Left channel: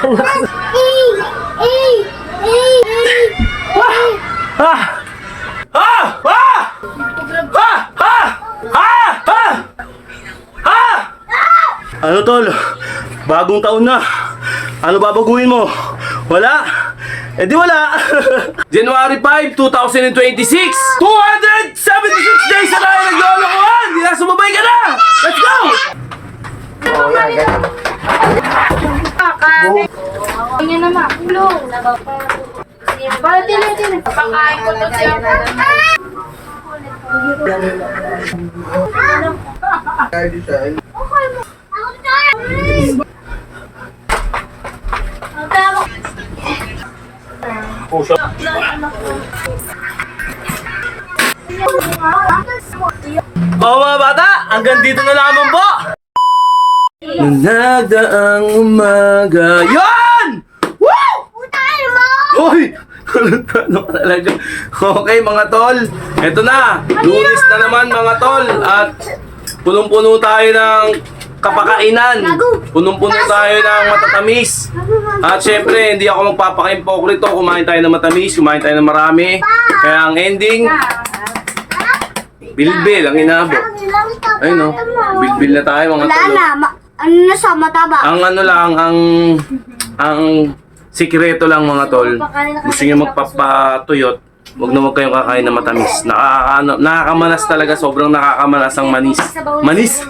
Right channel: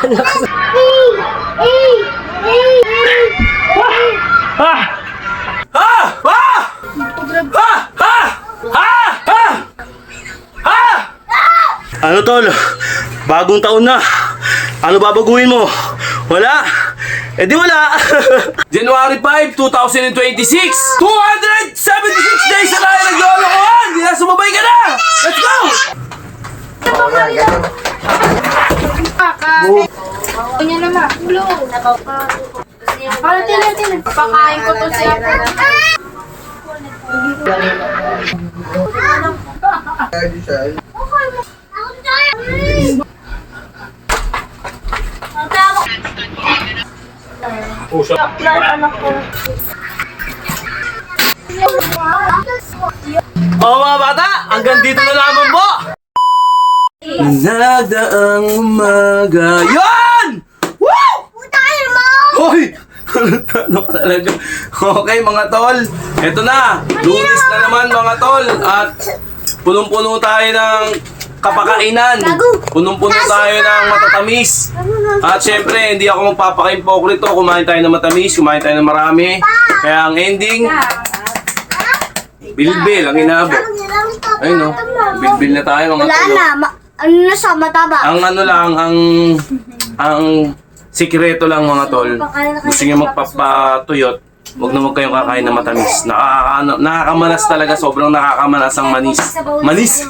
Ano tol? Bagong taon na. Ano babaguhin mo? Wala? Eh di wala. January 5, 2026. 276 days na tayo naglolokohan. Di na sumabay ka na. Let's go! Kanya naman. Blue. Para tinatin. Pakain ko to siya. Oh mga bata, hanggang dito na lamang po. Nagdaang umaga. Yan! Woo! Hoy! Ano ka talaga? Okay mga tol, eto na. Lunes na naman mga tol. At punong-puno tayo ng kapakainan. Punong-puno tayo ng matatamis. At syempre, hindi ako magpapaka-impokrito. Kumain tayo ng matamis, kumain tayo ng marami. Kaya ang ending, bilbil ang inabot. Ayun no, bilbil na tayo mga tol. Ano na sa mataba? Ang ano lang, ang sikreto lang mga tol, gusto nyo magpapatuyot, huwag na huwag kayong kakain na matamis. Nakakamanas talaga, sobrang nakakamanas ang manis. Manis!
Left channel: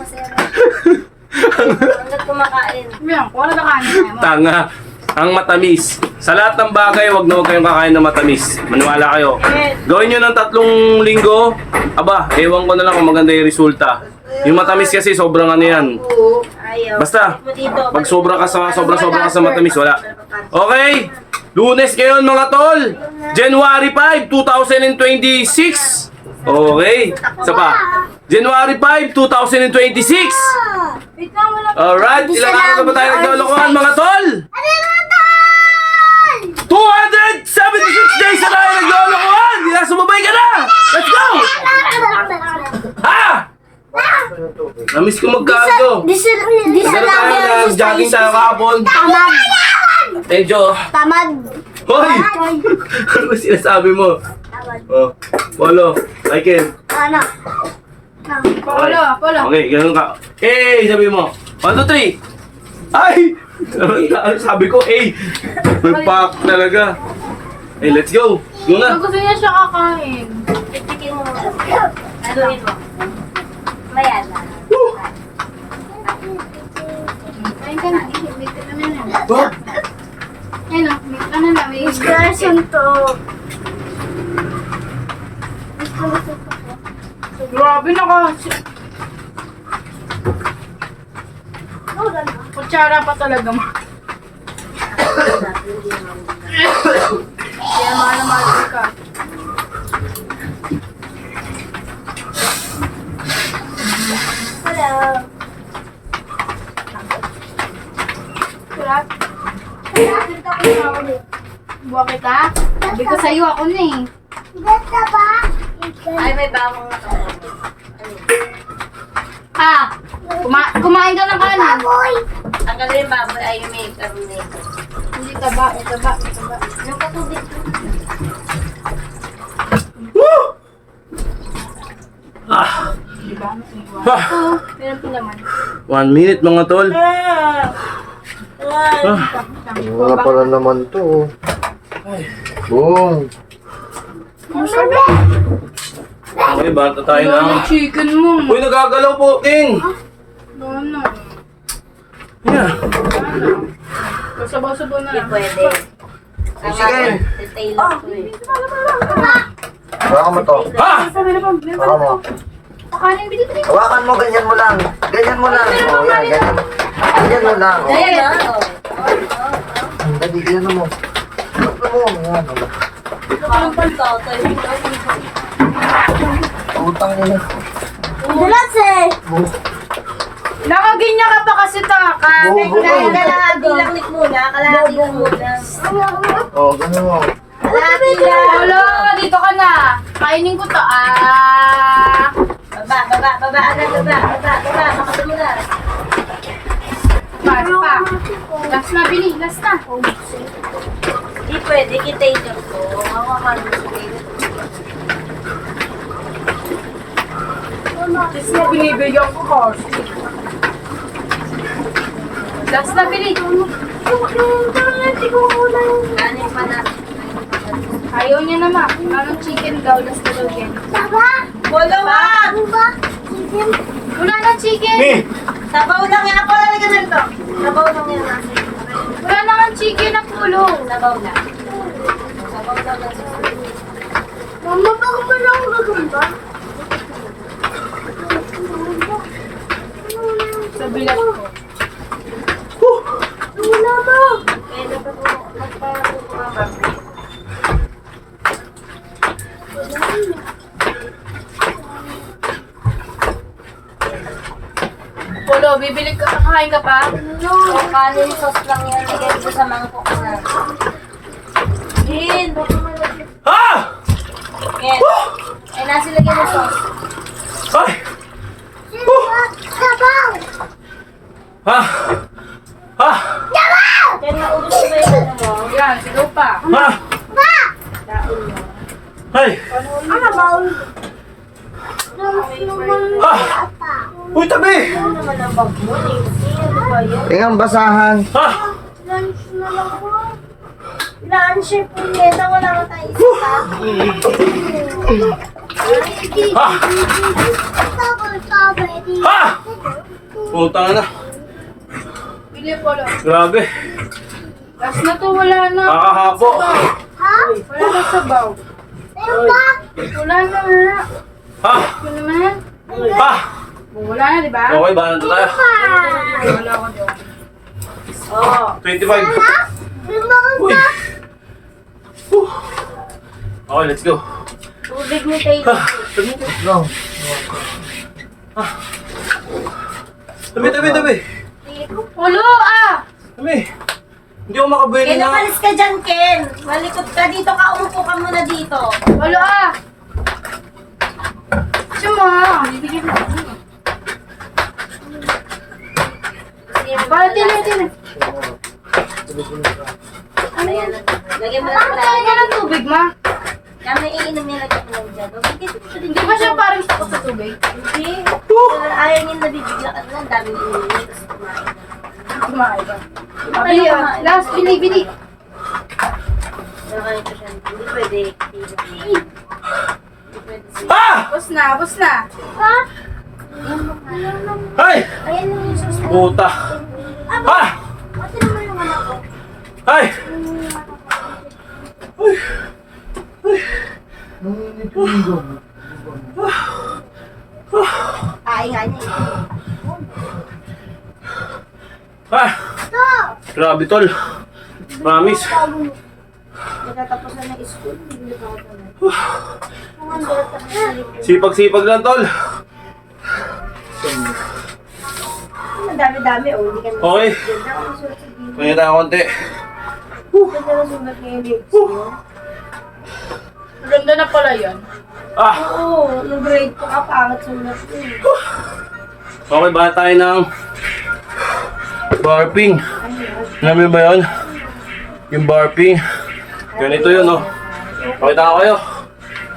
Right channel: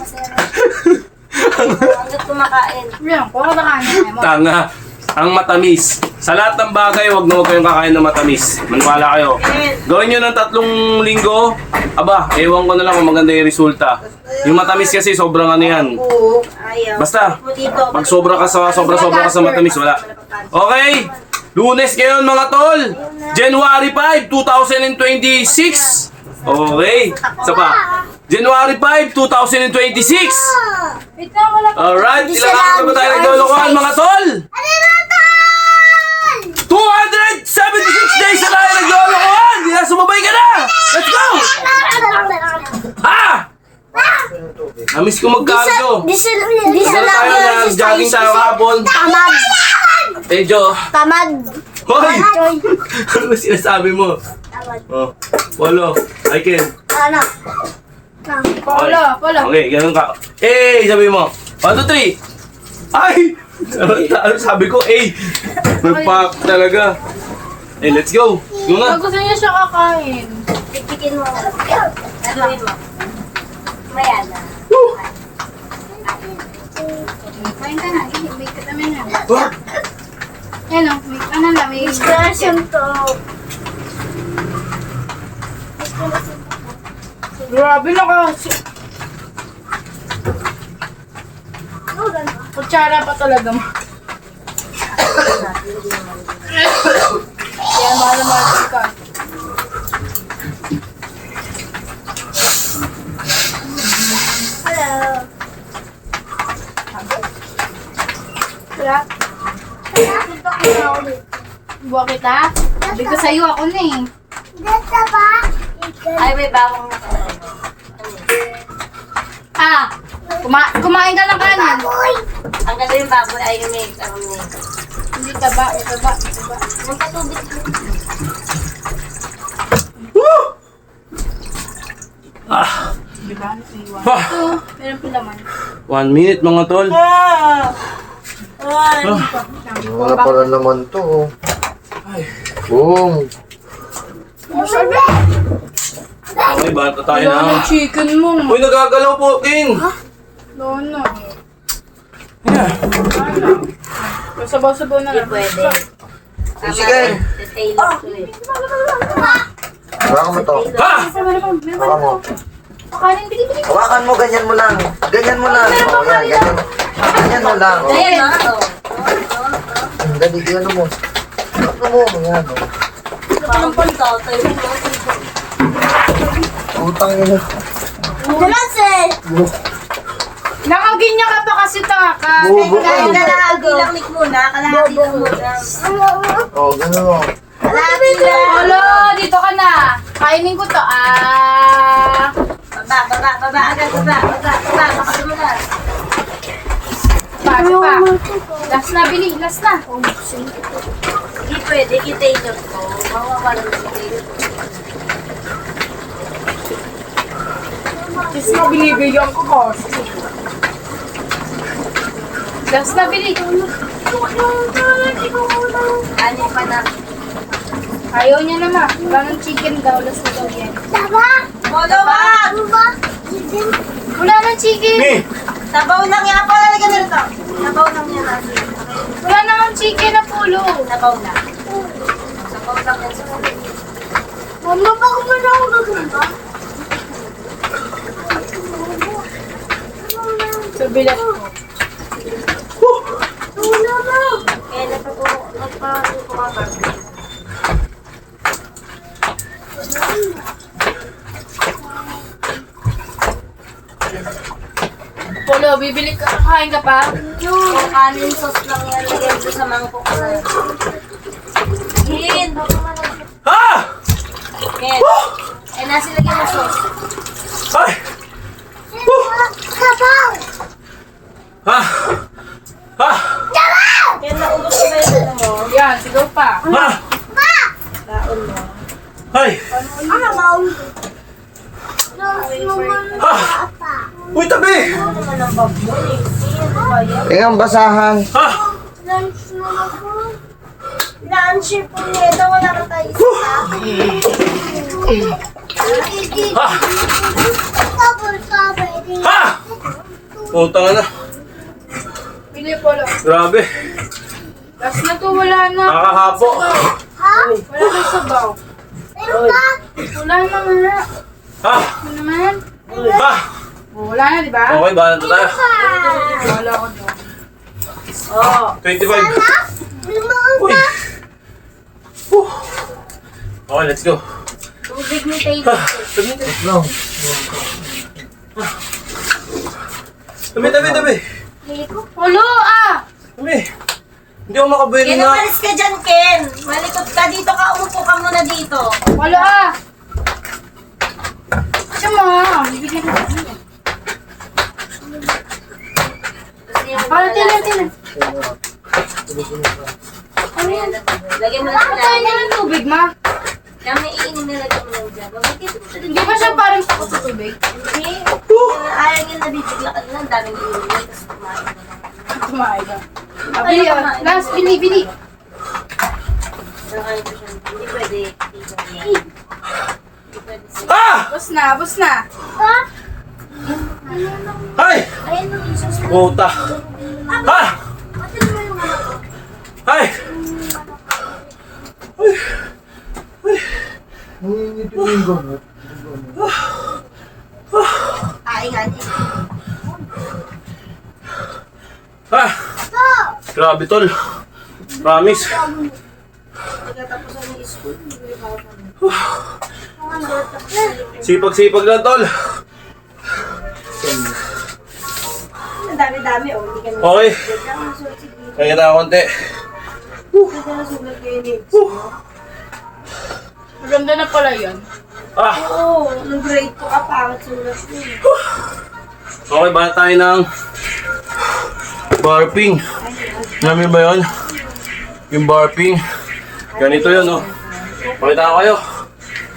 Hanggat kumakain. Yan, wala na kanin. Tanga! Ang matamis. Sa lahat ng bagay, huwag na huwag kayong kakain na matamis. Maniwala kayo. Gawin nyo ng 3 linggo, aba, ewan ko na lang kung maganda yung resulta. Yung matamis kasi sobrang ano yan. Basta, pag sobra ka sa matamis, wala. Okay, Lunes ngayon mga tol. January 5, 2026. Okay, isa pa. January 5, 2026. Alright, ilang araw na ba tayo naglolokohan mga tol? 276 days na tayo naglolokohan. Di na sumabay ka na. Let's go! Ha! Namiss ko magkargo. Di sa Tagal tayo na jogging tayo kahapon. Tamad. Medyo. Tamad. Hoy! Ano ba sinasabi mo? Oh, Polo, I can. Ano? Polo. Okay, ganun ka. Hey, sabi mo. 1, 2, 3. Ay! Ano sabi ko? Hey! May pack talaga. Hey, let's go. Go na. Gusto niya siya kakain. Pipikin mo. Nagawin mo. Maya na. Kain ka na. Ibig ka naman na. Wah! Yan o. Ano na. May Discretion to. grabe na kasi. Kutsara pa talaga mo. Kaya mahal ka. Hello. Crap. Buwa kita? Sabi ko sa'yo ako na eh. Dito ba? Ay, may bawang. Ah! Kumain ka ng kanan. Ang gagawin baboy ay yung make. Hindi taba. Yung patubig. Diba? Iwan. Ah, Ito, meron pa laman. 1 minute mga tol. Wala pala naman to. Boom. Okay, bata tayo Wala ng... na chicken mo. Uy, nagagalaw po, King! Wala na. Yeah. Sabaw-sabaw na lang. Pwede. Sige. Taylor ko eh. Hawakan mo to. Ha! Hawakan mo. Pakanin, bili. Hawakan mo, ganyan mo lang. Ganyan mo lang. Oh, yan, ganyan. Ganyan mo lang. Oh. Ayan na. Dali, yan mo. Ano mo? Yan. Parang pantawtay. Utang yun. Dalas eh. Nakaginya ka pa kasi taka. Kalahati lang lik muna. Kalahati lang muna. Oh, ganyan mo. Kalahati lang. Olo, dito ka na. Kainin ko to. Ah. Baba agad, baba. Makatulad. Pa. Last na, Bili. Last na. Hindi pwede, kita-ito to. Mawawalan si Taylor. Kasi mo binibigyan ko ko. Last na, Bili. Ano pa na? Ayaw niya naman. Parang chicken daw. Last na daw yan. Bolo, wag! Wala na chicken. Mi! Sabaw lang yan. Pala, lagyan na ito. Sabaw lang yan. Nasi. Wala na nga chicken na pulo. Sabaw na. Sabaw lang yan. Mama, baka mo na ako gagamba. Sa bilat ko. Wala mo! Eh, nagpapuro ko ka ba? Pulo, bibili ka. Kakain ka pa? Yung kanin sauce lang yan. Lagyan ko sa mangkok na. Gin, baka malagyan. Ha! Yan. Eh, nasi lagyan mo sauce. Ay! Ha! Ha! Kaya naubos ko ba yung ano mo? Yan, sigaw pa. Ha! Laon mo. Ay! Ha! Uy, tabi! Ano naman ang baboy? Ano ba yan? Tingnan basahan. Ha! Lunch na lang po. Lunch po niya. Wala ka tayo isa. Ha! Ha! Punta ka na. Bili, Pulo. Grabe. Last na to, wala na. Nakakahapo. Wala na sabaw. Wala na nga. Ha! Ano naman? Ha! Wala na, di ba? Okay, bahala na tayo. Wala ko doon. Oh. 25. Uy! Okay, let's go. Tubig ni Taylor. Tabi, tabi. Pulo, ah! Tabi. Hindi ako makabuelo Ken, na. umalis ka dyan, Ken. Malikot ka dito ka. Umupo ka muna dito. Pulo, ah! Kasi mga, bibigyan ko kami. Para tila. Ano yan? Lagyan mo lang Ano tayo na ng tubig, ma? Kami iinom niya, lagyan mo lang dyan. Hindi ba siya parang takot sa tubig? Hindi. Ayaw niya nabibigla ka na. Ang daming inuwi. Tapos kumain. Kumain ba? Ayaw Bili, ah. kumain. Last, bili. Pero kaya ko siya. Hindi pwede. Hindi pwede siya. Ha! Bus na. Ay! Ayan lang yung sauce mo. Puta. Ha! Ate naman yung mga ko. Ay! Ay nga niya. Ha! Grabe, tol. Promise. Nagkatapusan ng school. Hindi ba ako na? Sipag-sipag lang, tol. Ang dami-dami. Oh, hindi kami. Okay. Kaya na konti. Ganda na sulat niya yung lips mo. Maganda na pala yan. Ah! Oo, nung grade ko ka, pangat sulat niya. Okay, ba tayo ng barping? Namin ba yun? Yung barping. Ganito yun, oh. Pakita ko kayo.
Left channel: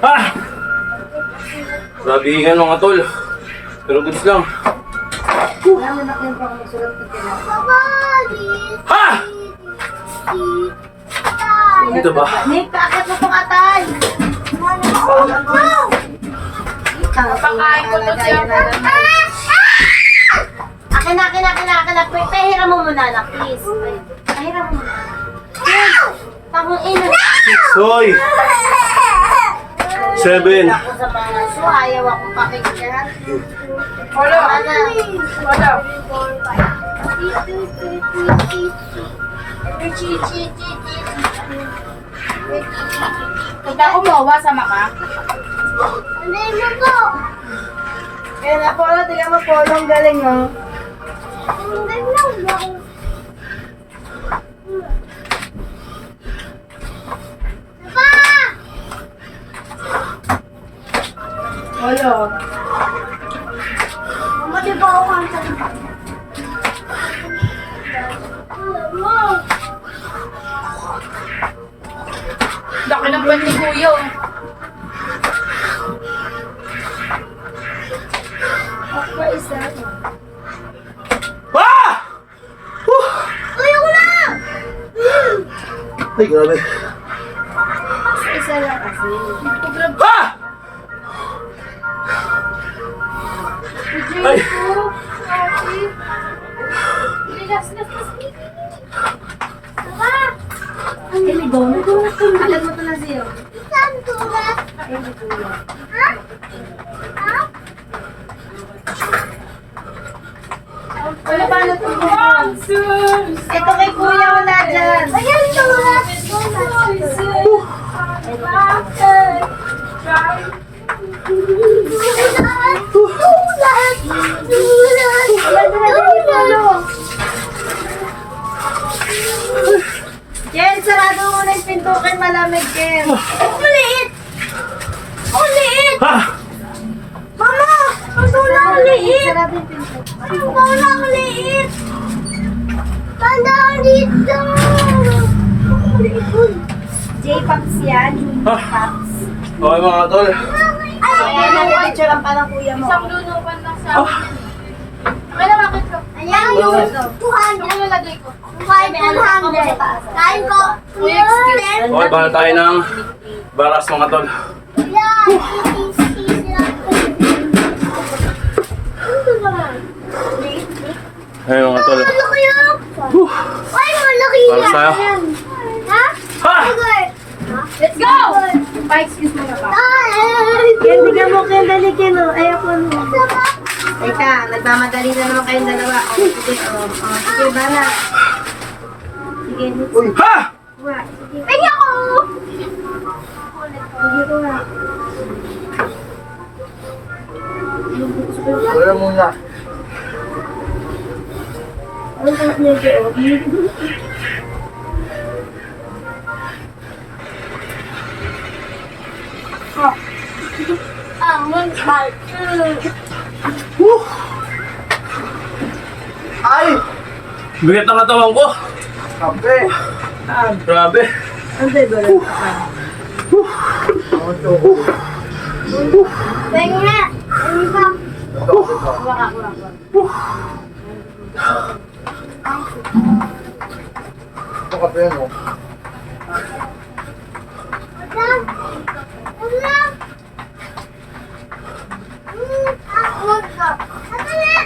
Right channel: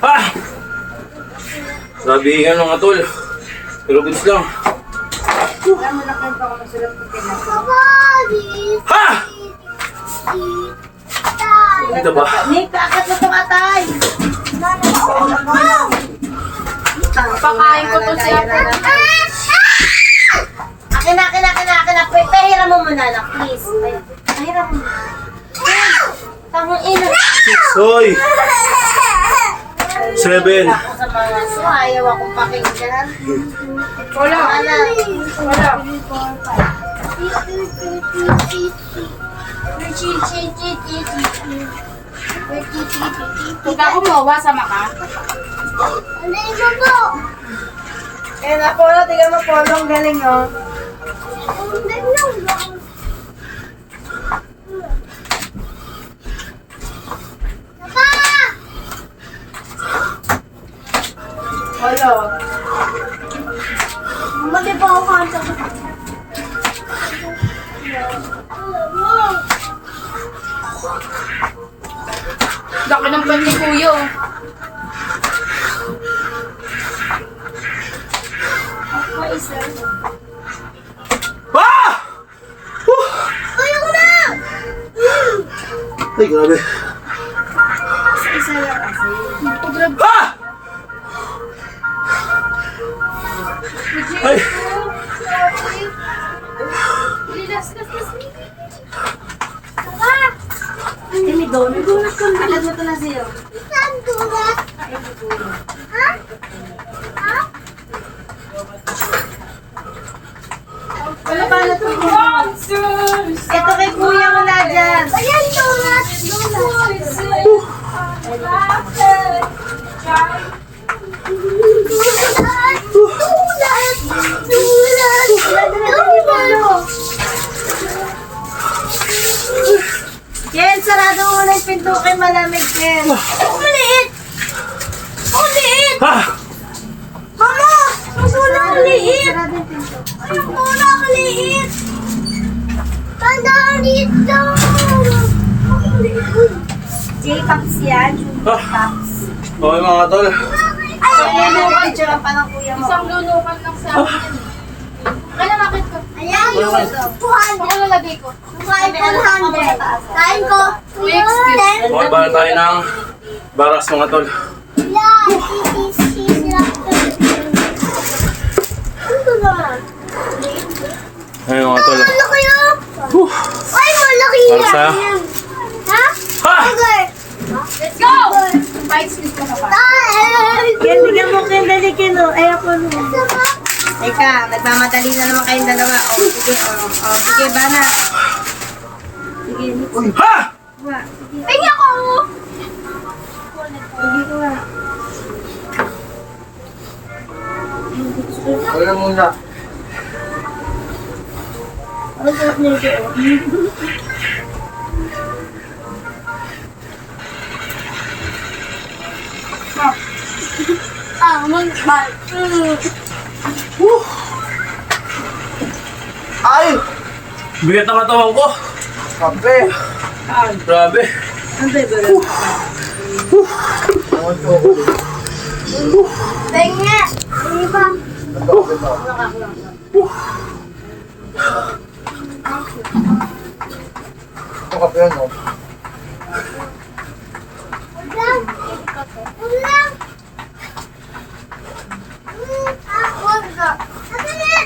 Ha! Grabihan mga tol. Pero goods lang. Wala mo na kayo pa ako magsulat ko pinasa. Ha! Dito ba? Nick, akit mo itong atay! Pakain ko to siya. Akin na. Pahiram mo muna lang, please. Pahiram mo. Pangin. Hoy! 7. Ako sa mga so, ayaw akong pakinggan. Wala. Wala. Punta ko mawa sa maka. Eh, Polo, tignan mo, Polo, ang galing, oh. Wala. Mama, di ba ako kanta? kuya. Ako isa. Ah! Uy, ako na! Ay, grabe. Isa lang kasi. Ah! Ay! Ay, may donut. Alam mo ito na siyo. Saan donut? Ay, may kuya. Ha? Ha? Wala ba na ito? Ito kay kuya mo na dyan. Ayan, donut. Ken, sarado mo na yung pinto kay malamig, Ken. Ang liit! Ang liit! Ah! Mama! Ang wala ang liit! Sarado yung pinto. Ay, wala ang liit! Tanda ang liit daw! Ang liit mo. J-Pops yan. J-Pops. Okay mga tol. Ay, ayan ang picture lang pa ng kuya mo. Isang lulukan lang sa akin. Kailan nakit ko? Ayan yung 200. Ako nilagay ko. Kain ko 100. Kain ko. Uy, excuse. Okay, bala tayo ng baras mga tol. Ayun mga tol. Ano kayo? Ay, malaki Para yan. sa'yo. Ha? Ha! Okay. Let's go! Pa-excuse mo na pa. Ken, bigyan mo Ken, dali Ken. Ay, ako no. Teka, nagmamadali na naman kayong dalawa. O, sige, sige, bana. Sige, Uy! Ha! kuha. Sige ako! Sige, kuha. Wala muna. Ang sarap nito, oh. Mal. Ay! Bigat ang katawan ko. Kape! Grabe. Ang bebe. Ang chocolate. Teka nga! Ano ba? Ito, ito. Ito kape yan, oh. Ulang! Ulang! Wag ka. Nakaya!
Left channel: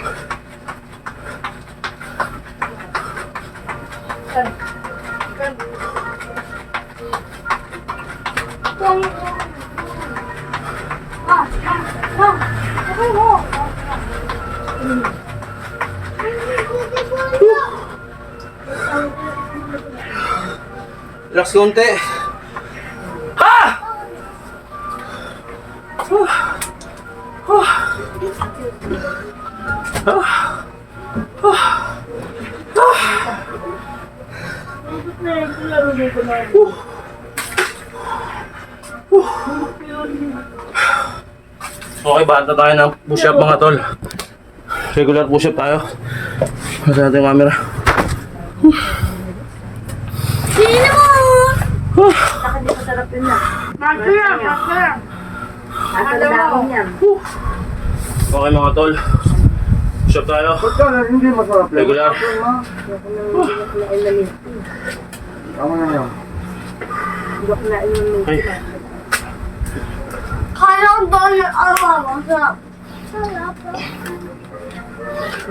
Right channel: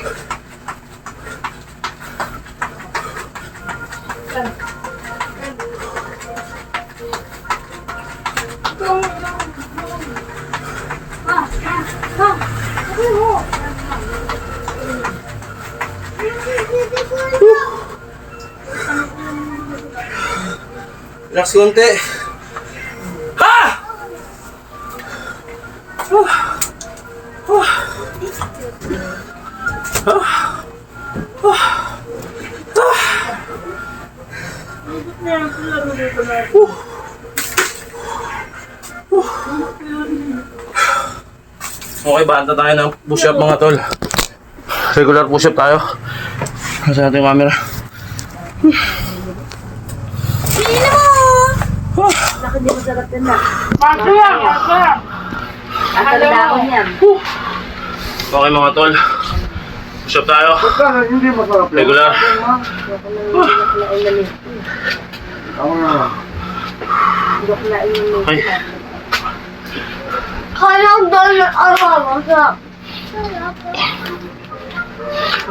Okay mo. Relax konti. Ha! Okay, banta tayo ng push-up mga tol. Regular push-up tayo. Nasa natin yung camera. Sino mo? Masaya, masaya. Nakakalaon yan. Okay mga tol. Push-up tayo. Pagka hindi masarap yan. Regular. Tama na. Okay. Kala ko doon na araw.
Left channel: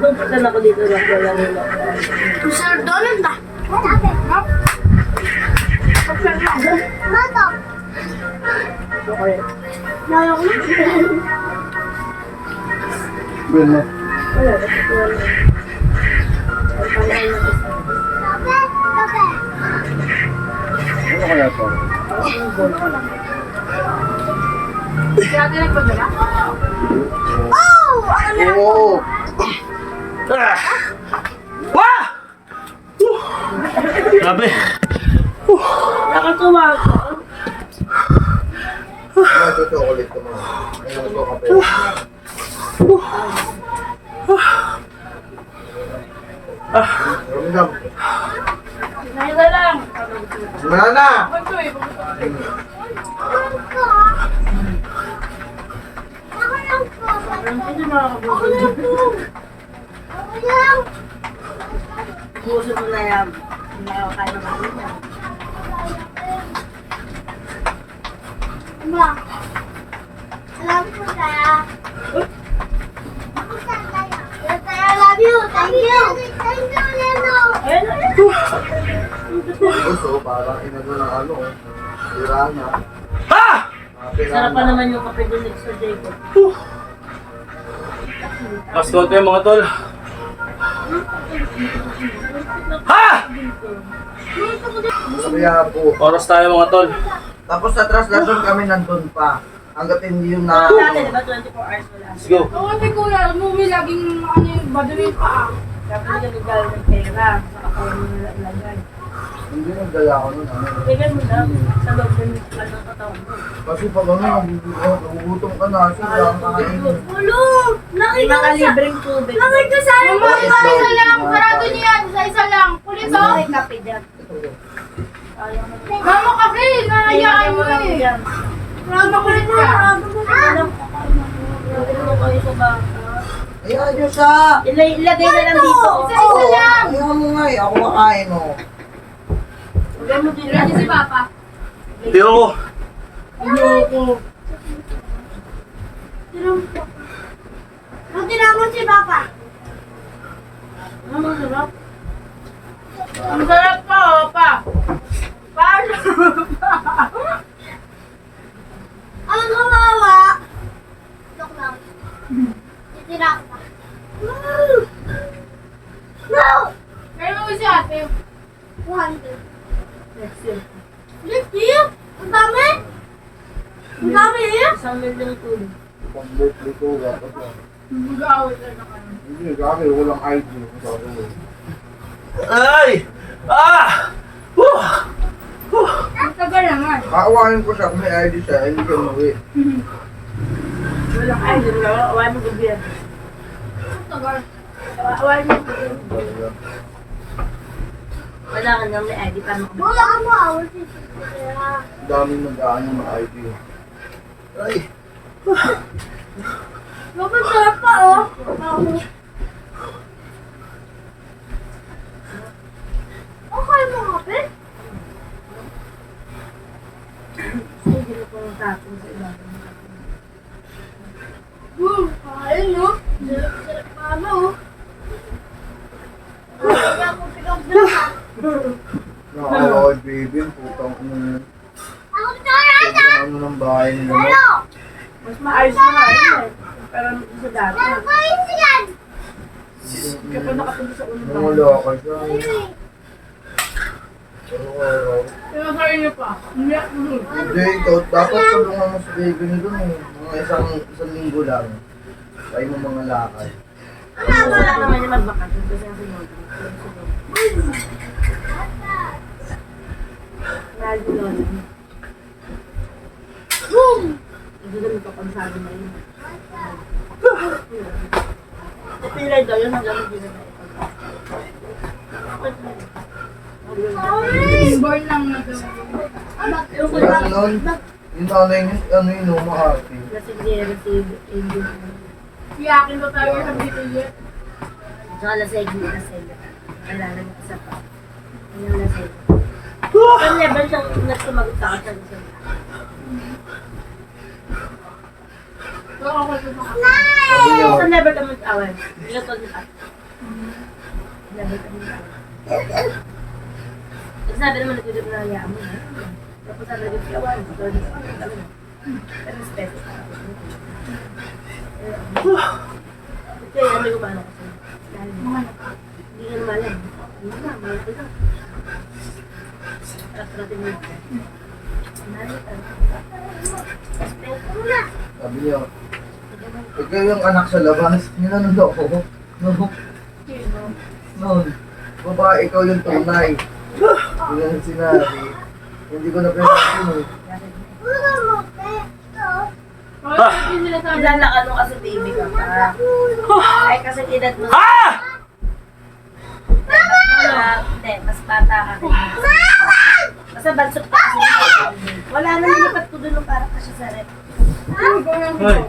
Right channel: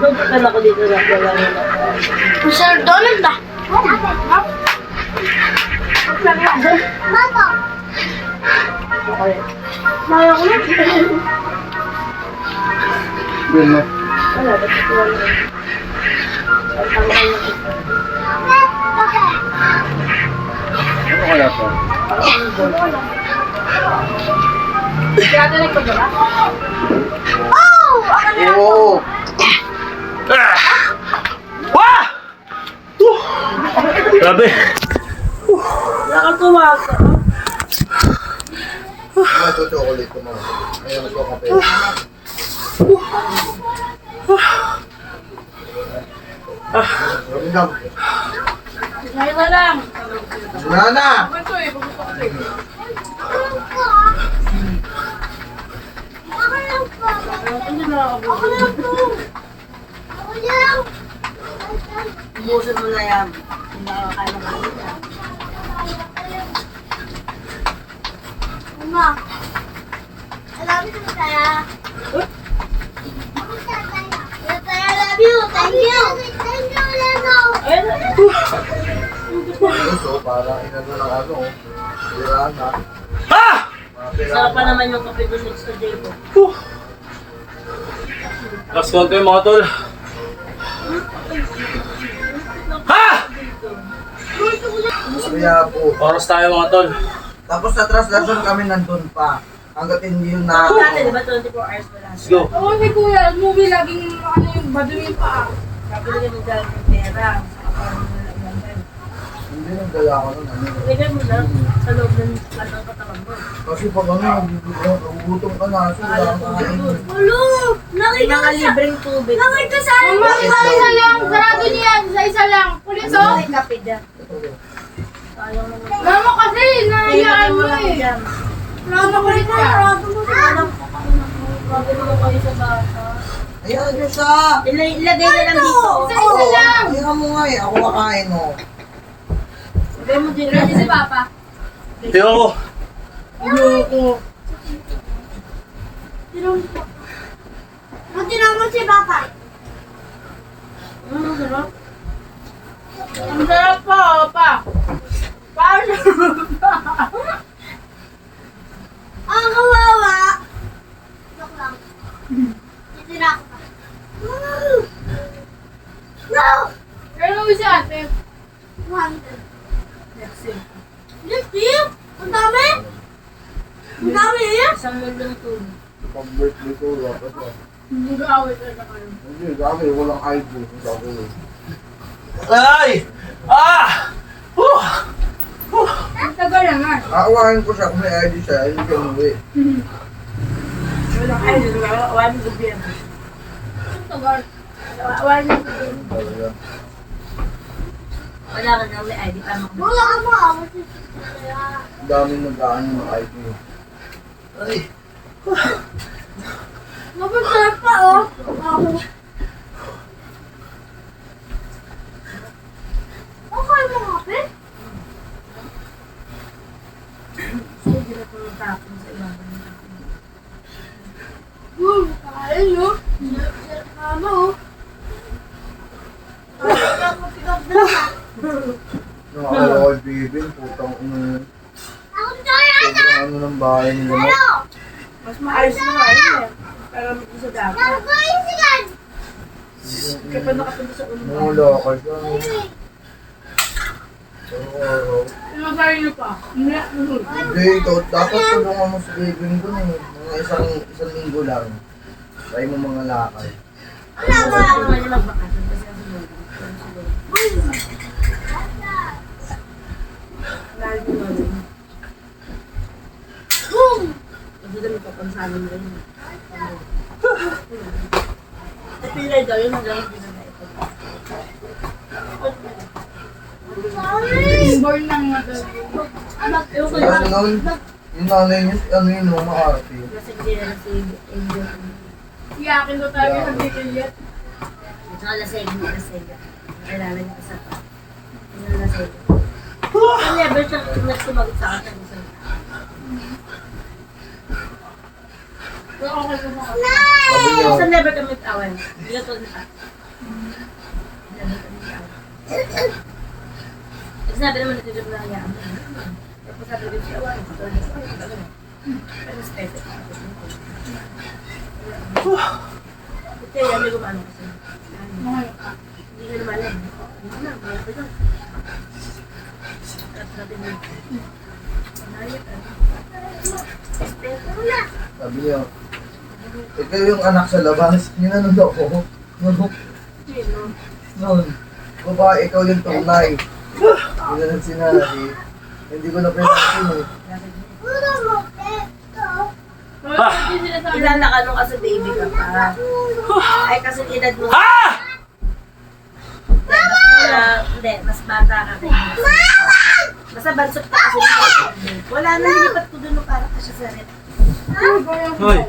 Kala ko dito na lang nila. Sir Donald ba? Bato. Maya ko na. Bin mo. Wala, dapat wala. Ano kaya to? Kaya ka nagpadala? Oh! Ako na. Oo! Ah! Wah! Grabe. Nakatuwa ka. Ano ito chocolate ko mo? Ayun ito kape. Ramdam. Ngayon na lang. Wala na! Ito eh, Hindi makakabot. Ako lang to. Ako lang. Ubusin mo na yan. Makakain na kami niya. Mama. I love you, Taya. Taya, I love you. Thank you. Thank you, Leno. Ayun na. Gusto, parang inano ng ano. Tirahan na. Ha! Sarap pa naman yung kape doon next to Jacob. Last konti mga tol. Ha! Kaya po. Oras tayo mga tol. Tapos sa translation kami nandun pa. Hanggat hindi yung na... Dati, di ba 24 hours wala? Let's go. Oo, si Kuya, movie laging ano yung baduin pa. Dapat hindi kami galing ng pera. Sa katawan mo nila ilagay. Hindi nang dala ko nun. Ano. Ilagay mo lang sa loob ng katawan mo. Kasi pag ano, nagugutom ka na. Kasi wala kang kakainin. Ulo. May Nakita mga ko sa... libreng tubig. Nakita sa... Mama, isa lang. Sarado niya yan. Isa lang. Pulis oh. May kape din. Sayang naman. Mama kasi, nahayaan mo lang eh. dyan. Sarado kulit ka. Alam ko kayo na po. Grabe naman kayo sa bata. Ayan nyo siya! Ilagay na lang dito. Isa lang. Ayan mo nga eh. Ako makain oh. Ilagay mo din Ready si Papa. Tiyo ko. Ayoko. Buti naman si Papa. Ano sarap? Ang sarap pa, Papa. Paano? Ang kawawa. Joke lang. Titira ko pa. No! Pero mo si ate. 200. Next year. Next year? Ang dami? Ang dami eh? 1 million tulog. Pang birthday ko, dapat lang. Mag-aawit na ng ano. Hindi, gabi, walang ID. Ay! Ah! Ang tagal naman. Kaawain ko siya kung may ID siya, hindi siya umuwi. Walang ay, doon ka. Awain mo gobyerno. Ang tagal. Awain mo. Talaga. Wala ka nang may ID para makabili. Wala ka mo awa si Titira. Ang daming nag-ano ng ID. Ay! Sobrang sarap pa oh. Okay mo kape? Ay, hindi na po yung tapon sa ilalim ng tapon. Kain no? Sarap ano oh. Nakakala ko kay Bibin, putang ina yun. Ako tayo! Sobrang ano ng bahay nila. no? Ano? Mas maayos na kain eh. Para sa dati. Ano ba yung sigan? Kaya pa nakapunta sa unang Nung wala ka siya. Araw-araw. Pinagay niyo pa. Hindi ako. Hindi, ikaw dapat tulungan mo si Bibin doon eh. Mga isang linggo lang. Try mo mga lakay. Gusto naman niya magbakasyon kasi nasa loob. Mahal mo lolo niya. Hindi na magpapansalo na rin. Napilay daw yun hanggang hindi na ito. Born lang na daw. Ewan ko Kasi lang. noon, yung nanay niya, ano yun, umakarte. Kasi hindi na si Angel. Iyakin ko talaga sa bikilit. At saka laseg mo laseg. Kailangan niya isa pa. Ano laseg? Pero never siya sumagot sa akin sa isang So ako sa mga. Sabi niya, so never kami mag-away. Hindi ka told pa. Never kami mag-away. Kasi sabi naman natulog na yaman. Tapos sabi ko siya, away. Pero respeto. Kaya yan, may gumano kasi. Hindi nga naman lang. Hindi na, mga ko lang. Trap-trapin mo. Respeto mo na. sabi niya, ikaw yung anak sa labas. Ninanod ako. No, Sino? noon. Babae, ikaw yung tunay. Hindi na sinabi. Hindi ko na pinasin eh. Ano mo, te? Ito. Hindi sila sa Ilan na ka kasi baby ka pa. Ay kasi edad mo. Ha! Hindi, mas bata ka rin. Basta bansot ka kasi. Wala na nilipat ko doon para kasi sa red. Hoy.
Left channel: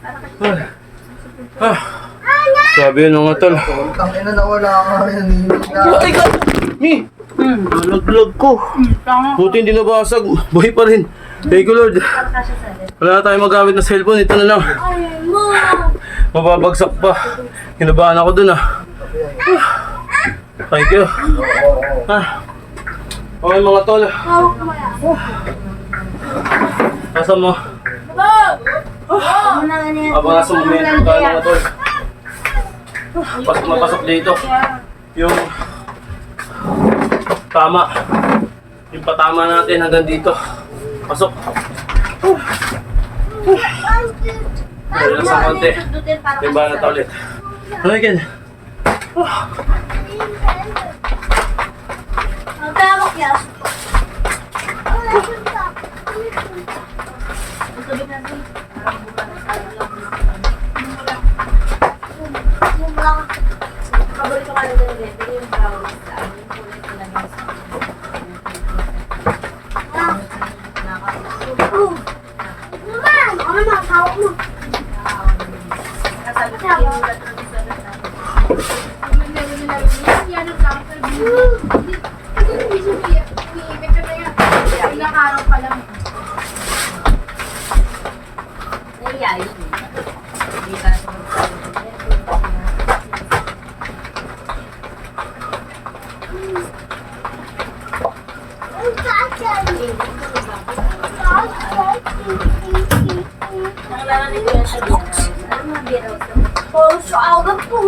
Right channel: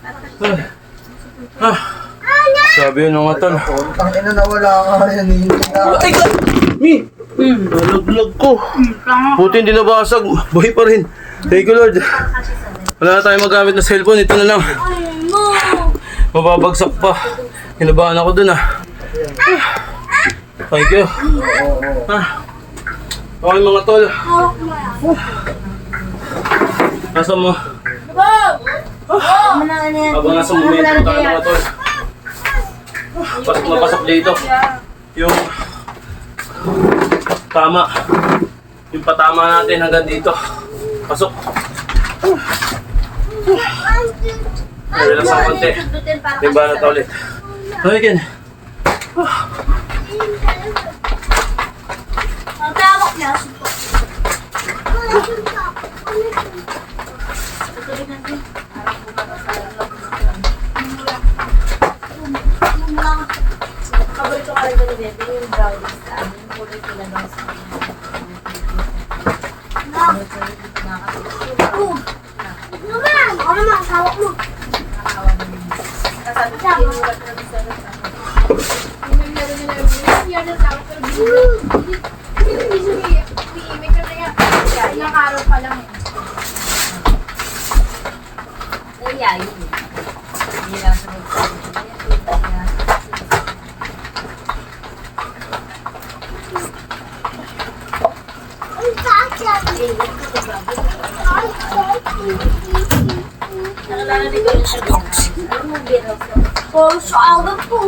Para kasi sa red. Sabi yun mga tol. Tang ina na wala ka yan. Ay, Mi! Nalaglag ko. Buti hindi nabasag. Buhay pa rin. Thank you, Lord. Wala na tayong magamit na cellphone. Ito na lang. Mababagsak pa. Kinabahan ako dun Thank you. Okay mga tol. Nasa mo? Habang nasa momento tayo mga tol. Pasok na pasok dito. Yung tama. Yung patama natin hanggang dito. Pasok. Relax ang konti. Diba na ulit. Okay, Ken. Ang tawag niya. Paborito ka lang ba ni Bebe? Yung brownies sa amin. Yung kulay ko lang sa amin. Naman! Ako naman, tawag mo. Kasabi ko yung ulat na gusto na sa akin. Ilang araw pa lang. Nangyayari. Hindi ba sa magsabi? Ang kakay. Nakalala din ko yung sa beerhouse. Ano mga beerhouse na? Oh, so ako po.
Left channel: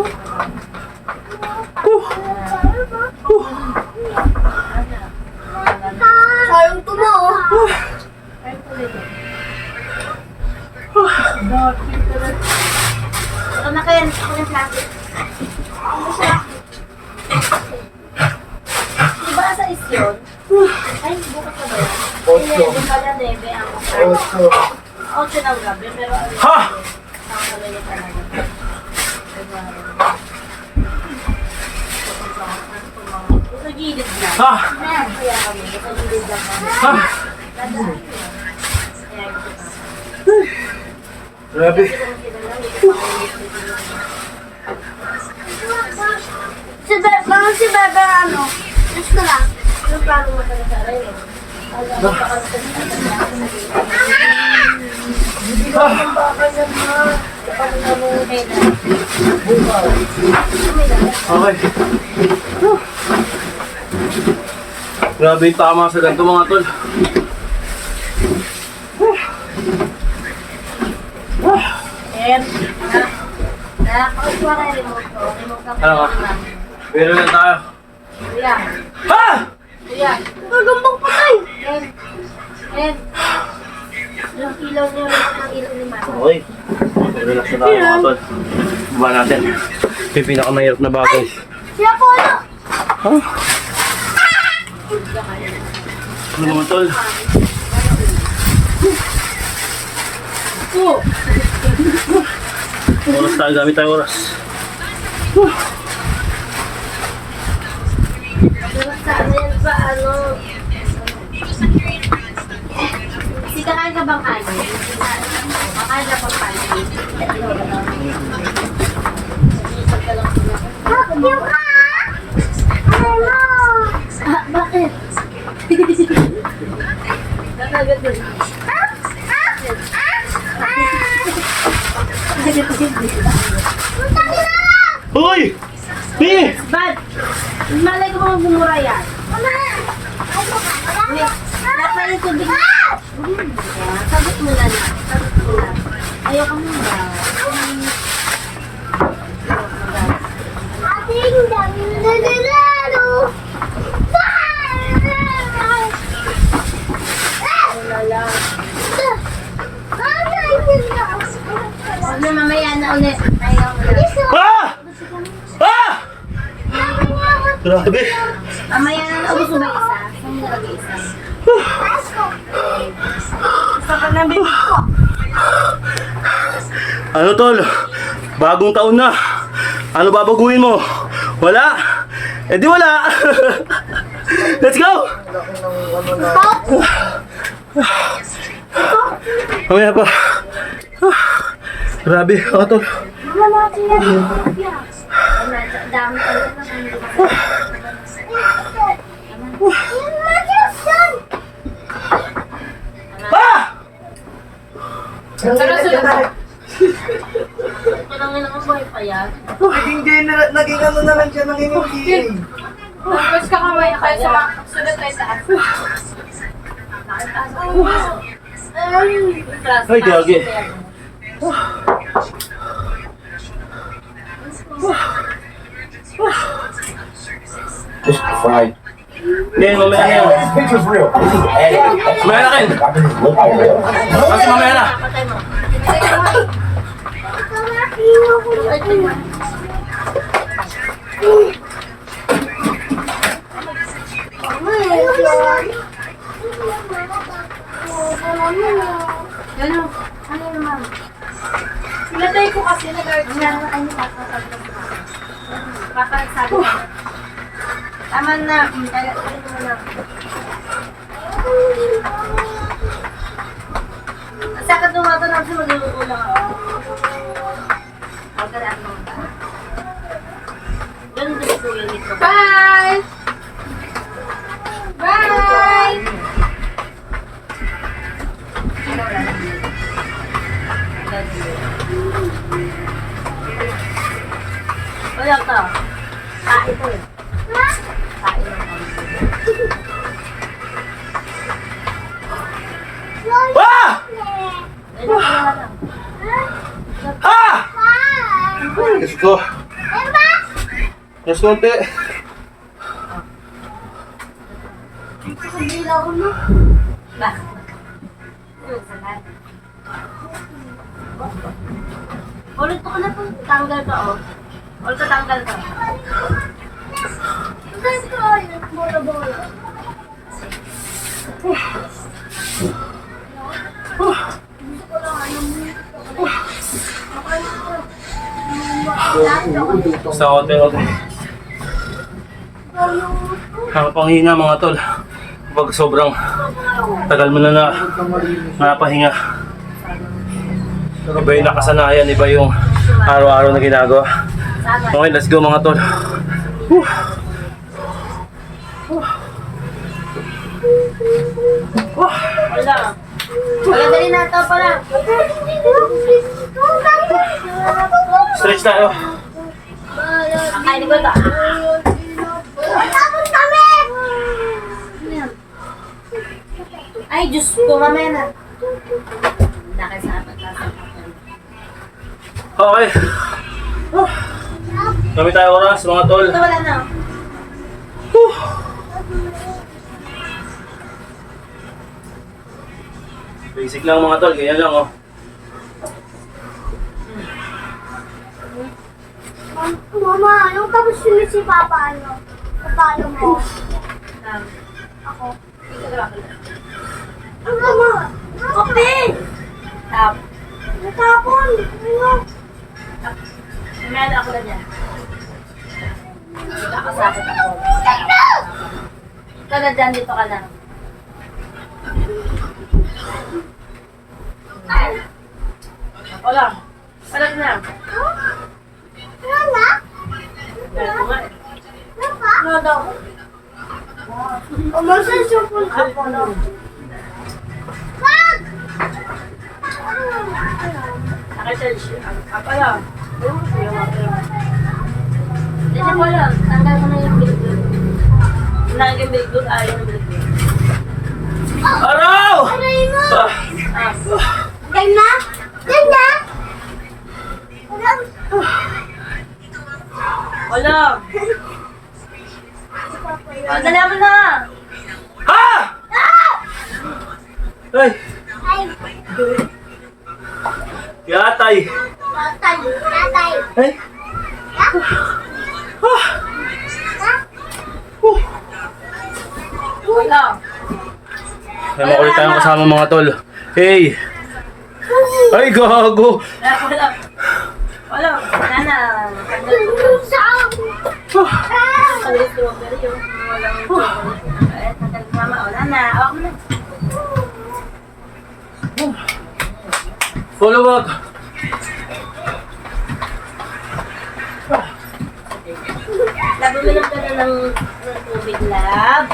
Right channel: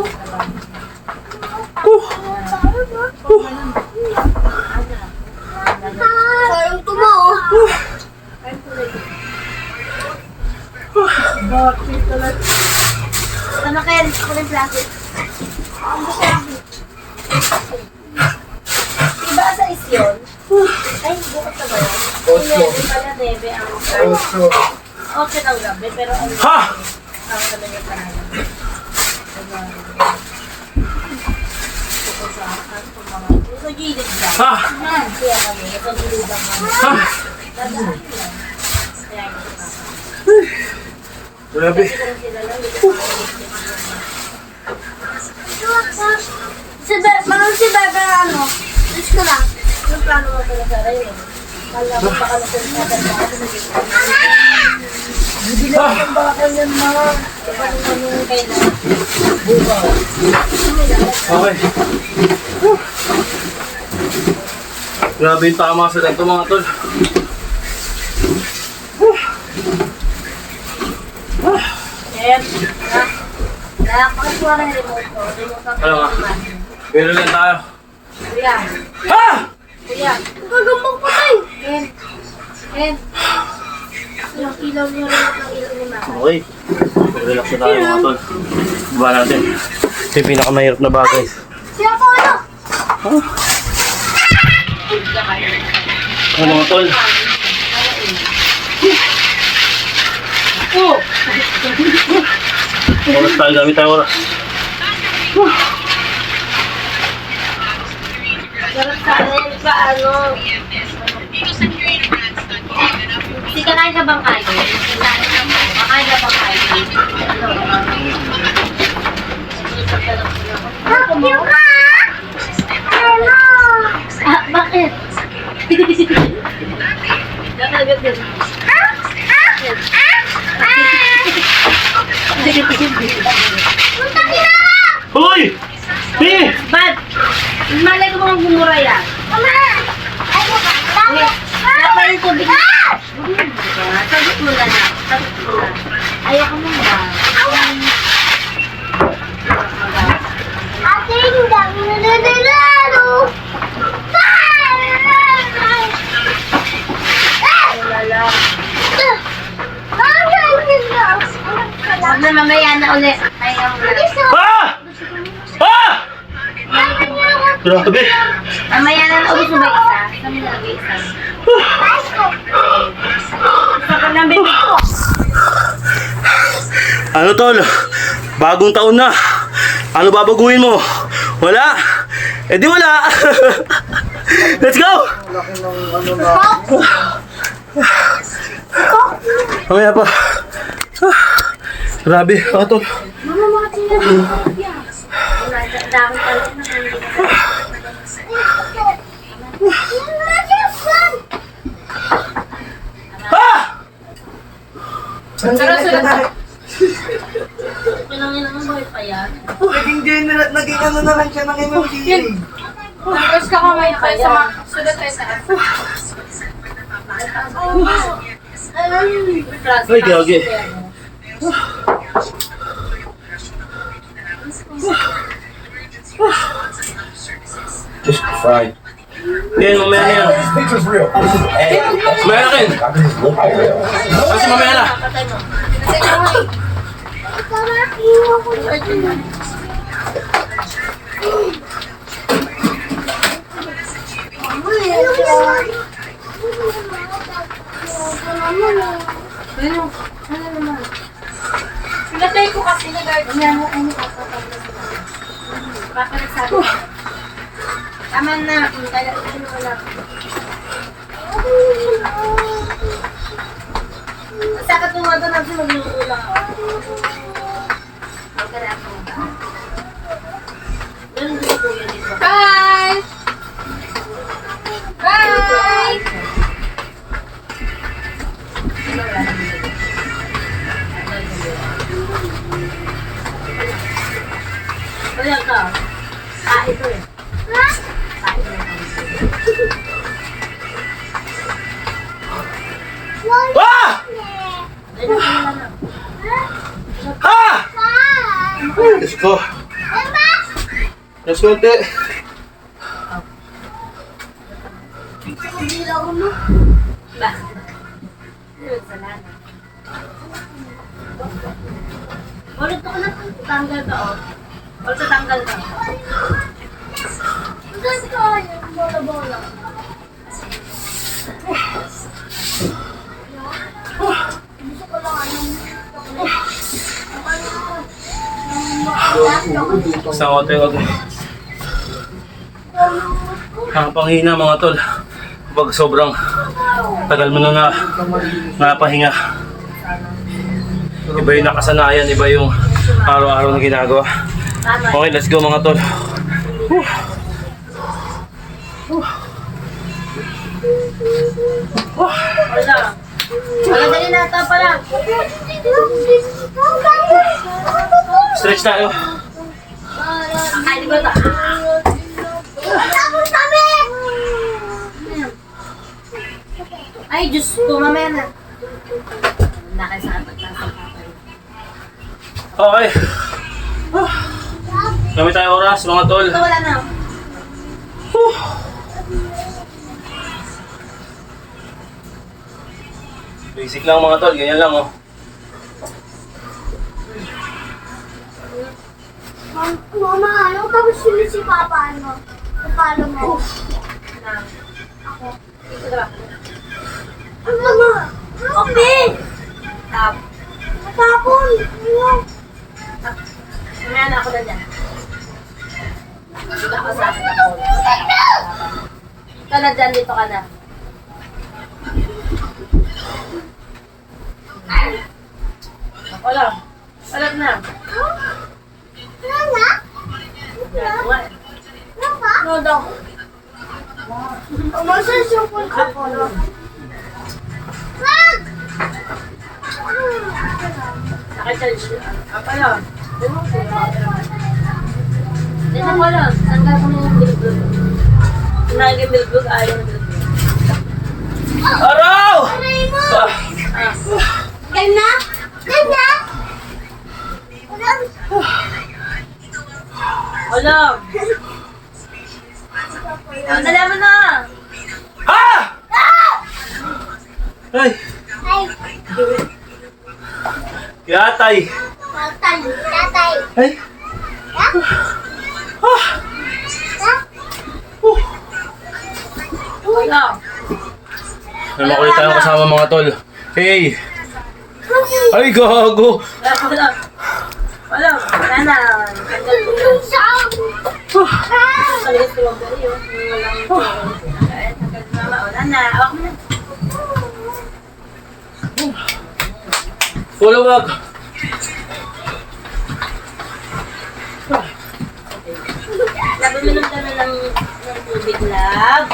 Sayang to mo. Saka na kaya ako ng plastic. Diba sa isyon? Ay, bukas na ba yan? Ocho. 11 pala, 9 ang Ocho. 8 ng gabi, pero ang Ha! ang gabi niya talaga. Sa gilid lang. Ha! Kaya kami, sa gilid lang kami. Ha! Dadaan ko lang. Kaya ito pa. Grabe. Kasi kung sila lang, hindi ko Si Bebe, ano? Diyos ko lang. Anong plano mo pala sa rin? Alam mo pa ka na sa Hindi lang ang baka yan, ma. Kapag namin kayo na. Okay. Grabe yung tama sa ganito mga tol. Nakakuha na yung remote ko. Remote ka Ano ka? Meron lang tayo. Kuya. Ha! Kuya. Gagambang patay. Ken. Ilang ilaw niyo rin ang ilaw ni Mama. Okay. Relax na tayo mga tol. Baba natin. Ito yung pinakamahirap na bagay. Siya po, ano? Ano mga tol? Oras tayo, gamit tayo oras. Pero sa akin pa, ano. Hindi kakain ka bang kain? Kakain ka bang kain? Yung ka? Ano? Bakit? Nakagat din. Hoy! Hey! Bad! Malay ko mga gumura yan. Mama! Ano ka? Dapat yung tubig. Sagot mo na na. Sagot mo na. Ayaw ka mong ba? Ate, yung dami na nalalaro. Lala. Sabi na mamaya na ulit. Ayaw mo na. Ah! Ah! Grabe! Mamaya na ubus mo ba isa? Saan mo nalagay isa? Isa ka ng bibig ko. Ano tol? Bagong taon na. Ano babaguhin mo? Wala? Eh di wala! Let's go! Laki ng ano na. Mamaya pa. Grabe, mga tol. Mama, mga tiyan. Ang dami pa rin na hindi ka. Pinangin naman buhay pa yan. Naging ano na lang siya, naging okay. Tapos kakamay na kayo sa mga sulat tayo sa aso. Ay, gagi. Just fried. Yan, mamaya na yan. This picture's real. This is Eddie. That's Mamaya na kayo. I can just look at it. Kasi mamaya na. Patay mo. Ano? Ano naman? Sulatay ko kasi nag-art niya. Ay, nakapapagod na. Papa nagsabi ko. Tama na. Kaya ano mo lang. Sakit nung mga ganun kasi magluluto lang ako. Magkaraan mo ba? Ganun din po yun dito. Bye! Bye! Wala ka. Tae to eh. Tae lang kami. Ah! Ganyan ka naman lang. Ah! Let's go. Let's go, te. Ba? Salamat. Ulit ako na pang tanggal ka oh. Ulit ka tanggal ka. Bola-bola. Sa hotel ako. Nakapanghina mga tol. Kapag sobrang tagal mo na napahinga. Iba yung nakasanayan, iba yung araw-araw na ginagawa. Okay, let's go mga tol. Wala. Wala dali na ito pala. Stretch tayo. Kakainin ko ito. Tapos kami! Ay, Diyos ko, mamaya na. Nakasapag lang sa kapal. Okay. Kami tayo oras mga tol. Ito wala na. Basic lang mga tol, ganyan lang oh. Mama, anong tapos yun si Papa, ano? Papalo mo. Ako. Mama! Open! Tap. Natapon! Ayun! Mamaya na ako na dyan. Wala ka sa akin ako. Ikaw na dyan, dito ka na. Wala. Wala na. Wala na? Wala. Wala pa? Wala daw. Umasan yung full ako. Wag! Nakita siya. Pala. Ganyan ko lang. Tanggal ko na yung bilog-bilog. Tanggal yung bilog-bilog, ayaw yung bilog-bilog. Araw! Aray mo! Ah, Game na? Game na? Wala. Tanggal naman na. ha! Ay! Ay! Yatay! Tatay! Tatay! Ay! Ha? Ah! Ha? Wala. May makulit tayong kasama mga tol. Hey! Ay, gago! Wala. Wala. Wala na. Tanggal ko na. Tanggal strawberry yun. Walang strawberry. Tanggal mama. Wala na. Awak mo na. Follow up! Lab, uminom ka na ng tubig, lab.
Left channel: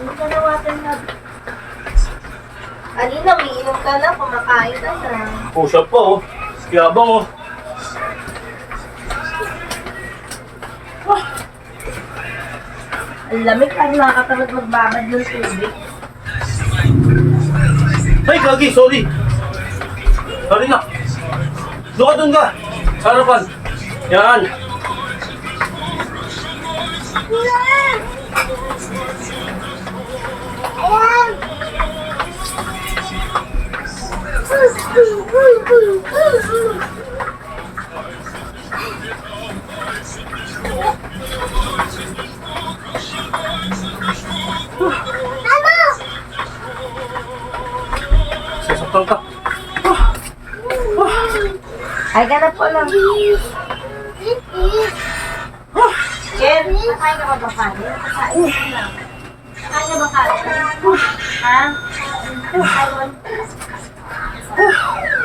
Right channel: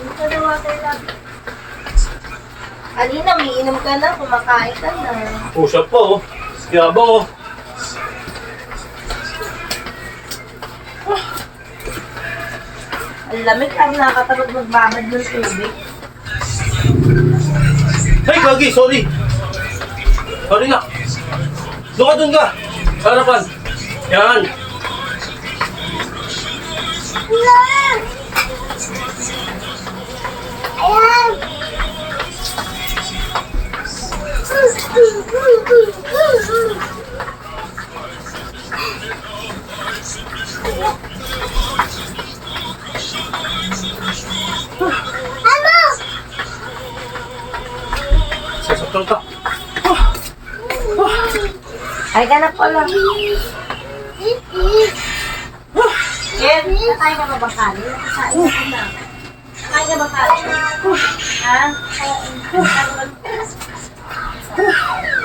Uminom ka ng water, lab. Alina, umiinom ka na, kumakain ka na. Push up po, oh. Yabang, oh. Ang lamig, parang nakakatamad magbabad ng tubig. Ay, Gagi, sorry. Sorry na. Doon ka. Sa harapan. Yan. Ayan. Ano? Sasaktan ka. Ay ka na po lang. Ken, nakain ka ba ba kanin? Nakain ka na. Nakain ka ba kanin? Ha? Nakain ka ba?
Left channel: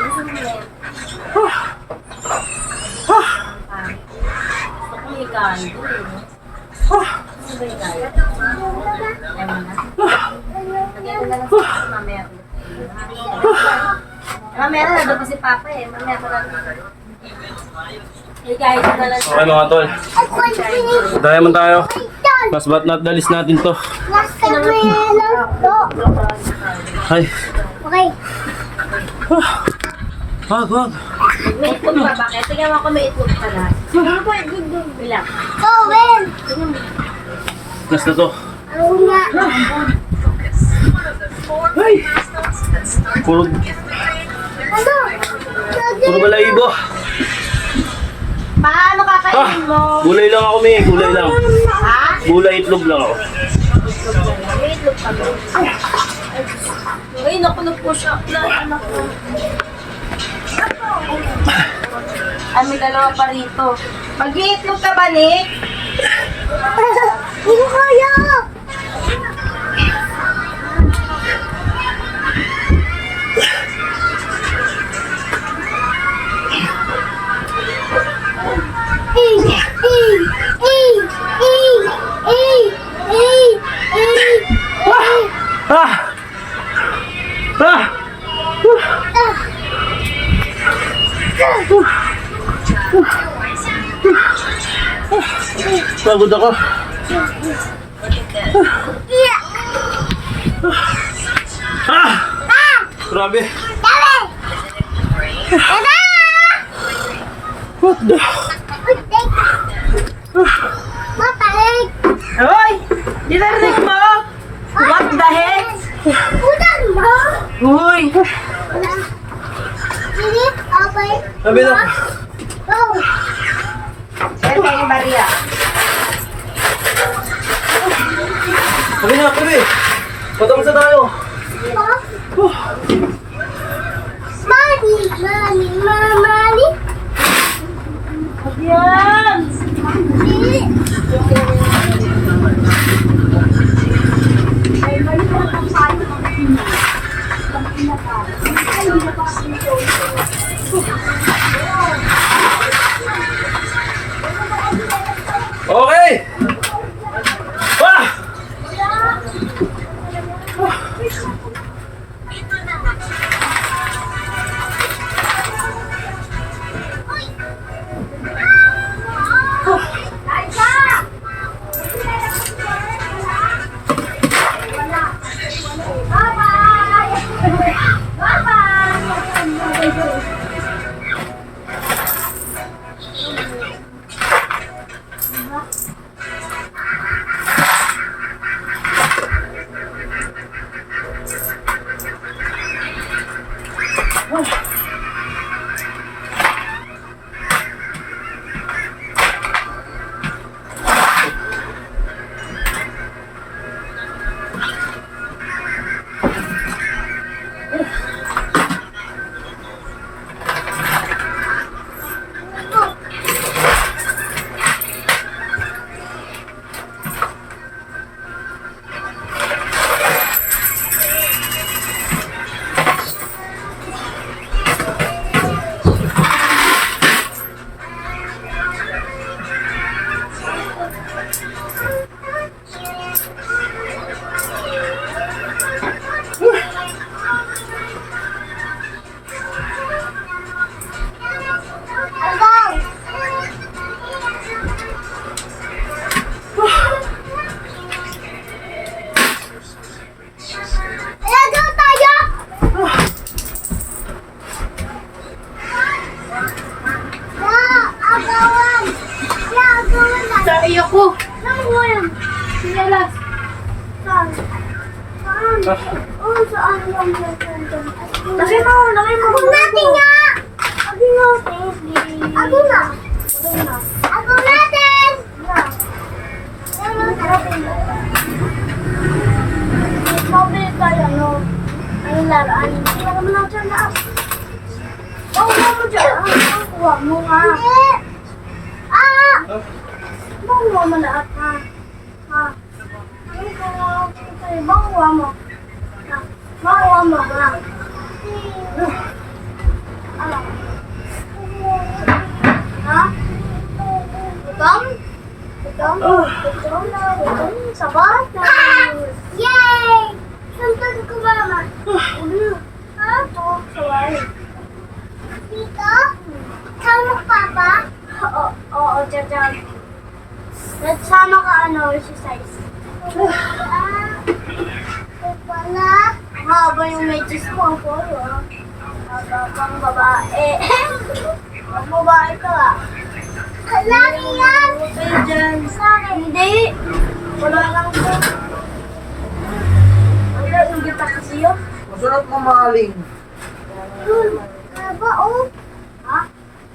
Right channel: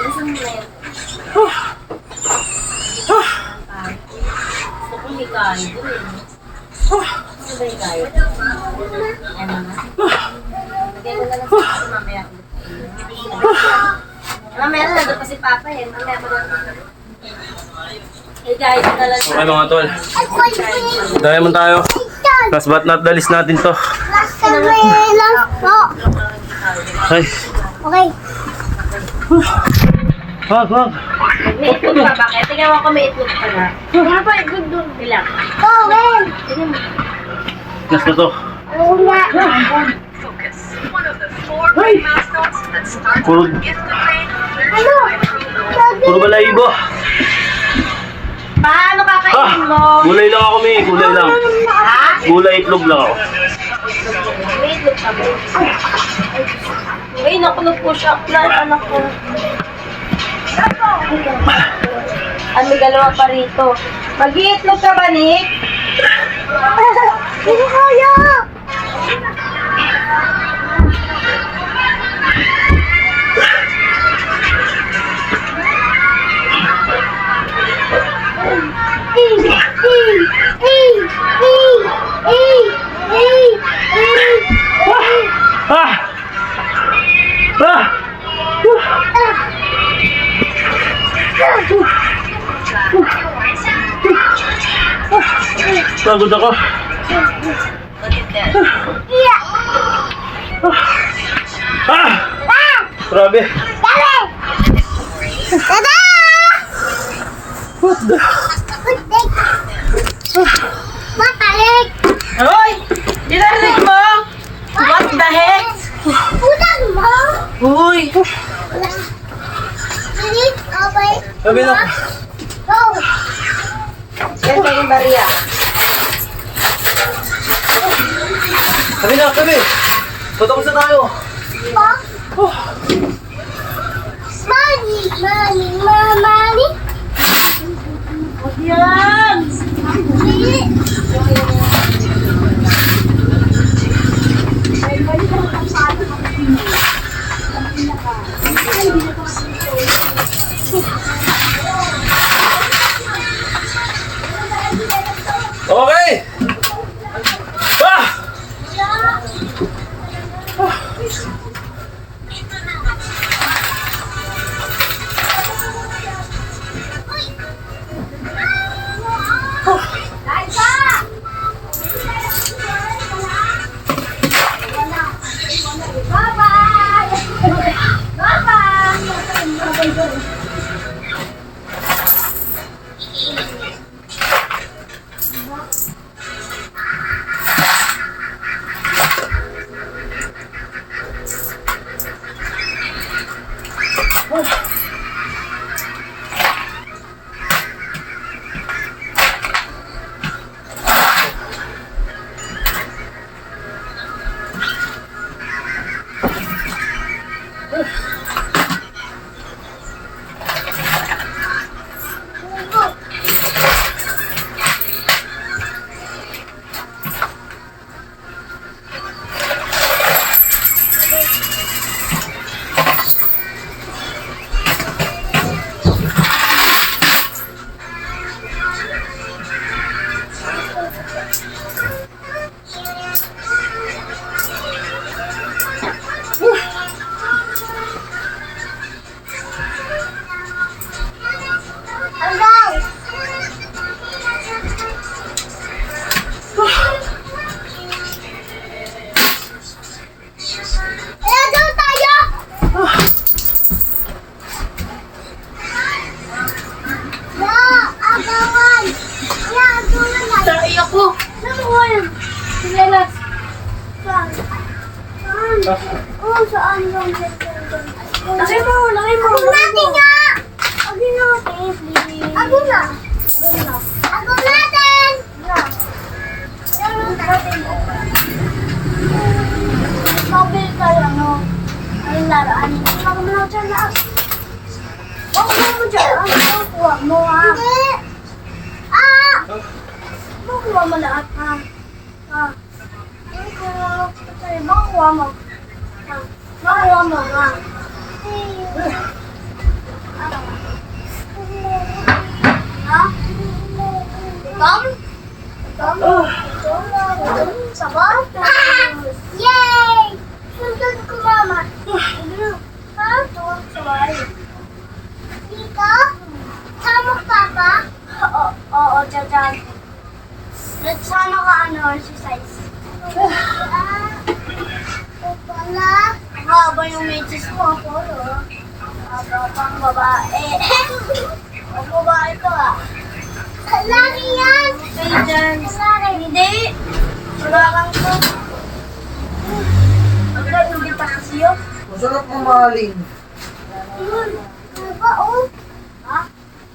Isang blend. Gusto kong hikain ko eh, no? Gusto ba hikain? Ayaw mo na? Lagay ko na lang sa kasi mamaya ulit. Mamaya na, nandun pa si Papa eh. Mamaya pa lang. Hikain ko na lang. Okay mga tol. Diamond tayo. Last but not the least natin to. Last time lang po. Ay. Okay. Wag. May itlog pa ba? Kaya tingnan mo ako may itlog pa na. Papa, itlog doon. Ilang? Go, Ben. Tingnan mo. Last na to. Ano nga? Ay. Puro, Ano? puro balahibo. Paano kakainin mo? Gulay lang ako, May. Gulay lang. Ha? Gulay itlog lang ako. May itlog pa ba? Ay, naku, nag-push up na. Anak ko. Ah, may dalawa pa rito. Mag-iitlog ka ba, Nick? Hindi ko kaya. Ah! Ah! Pagod ako. Ah! Grabe. What the? Matahig. Hoy! Dinarinig mo? What the heck? Utang mo. Uy! Wala. Sige, okay. Sabi na. Go. Yan tayo Maria. Sabi na, sabi. Tutapos na tayo. Pa. Mami, mami, mami. Yan! Sige. Okay! Ah! Hanggang! Kaya daw tayo! Ya, agawan! Ya, agawan na! Dahil ako. Saan mo yan? Sinelas. Saan? Saan? Oo, saan yung saan? Laki mo. Ako natin nga! Ako natin, please. Ako na! Ako natin! Ako natin! Sabi tayo, no? Anong laruan? Ako mo lang dyan na. Makuha mo dyan. Makuha mo, ha? Hindi! Ah! Makuha mo lahat, ha? Ha? Makuha mo. Ha? Makuha mo, ha? Ha? Tom? Tom? Sapatos! Yay! Sundan ko, mama. Ha? Sawali. Tito? Sama ka ba? Oo, dyan. Nagsama ka exercise. Wala. Haba yung medyas mo, polo. Pang babae. Pang babae to, ah. Laki yan! Kayo dyan. Hindi. Wala kang to. Wala, yung kita kasi yun. Masarap mo maling. Haba, oh. Ha?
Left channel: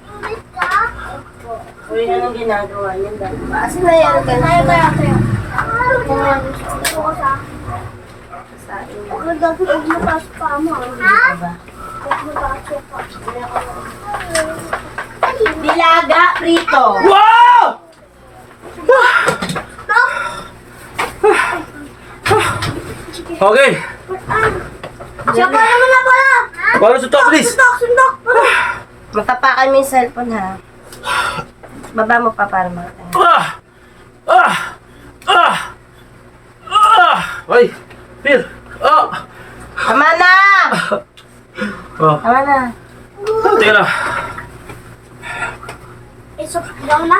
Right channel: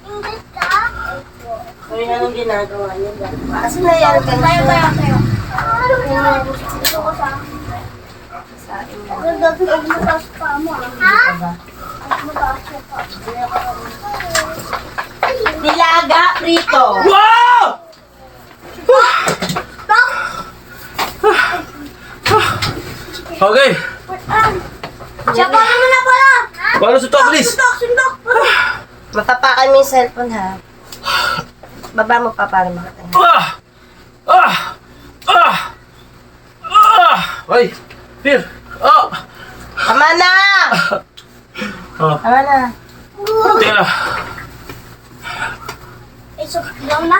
Ingit ka? Uy, anong ginagawa niya ba? Asa na yan? Tayo. Gusto ko sa akin. Sa inyo. Ako dati huwag mo taas pa mo, ah. Ha? Ba? Huwag mo taas pa. Nilaga, prito. Wow! Okay. Siya pa naman na pala! Paano sa top list? Sundok! Matapakan mo yung cellphone, ha? Baba mo pa para makatayo. Ay, Pir. Tama na! Tama na. Teka lang. So, daw na?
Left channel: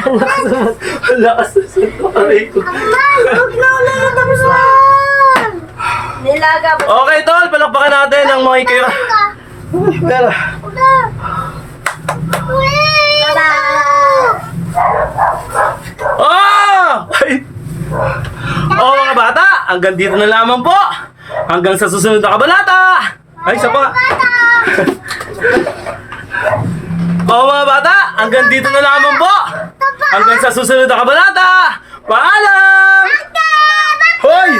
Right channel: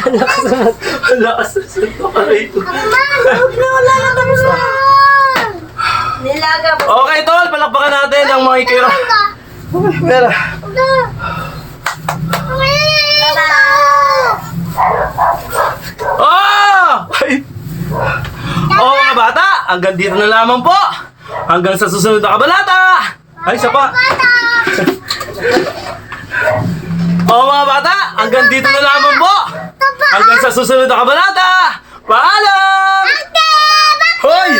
Ang lakas na suntok ka rito. Huwag na, wala na tapos na! Nilaga mo. Okay, tol. Palakpakan natin ang mga ikayo. Pero, Tada! Ay! Mga bata, hanggang dito na lamang po. Hanggang sa susunod na kabanata. Ay, isa pa. Mga bata, hanggang dito na lamang po. Hanggang sa susunod na kabanata. Paalam! Hoy!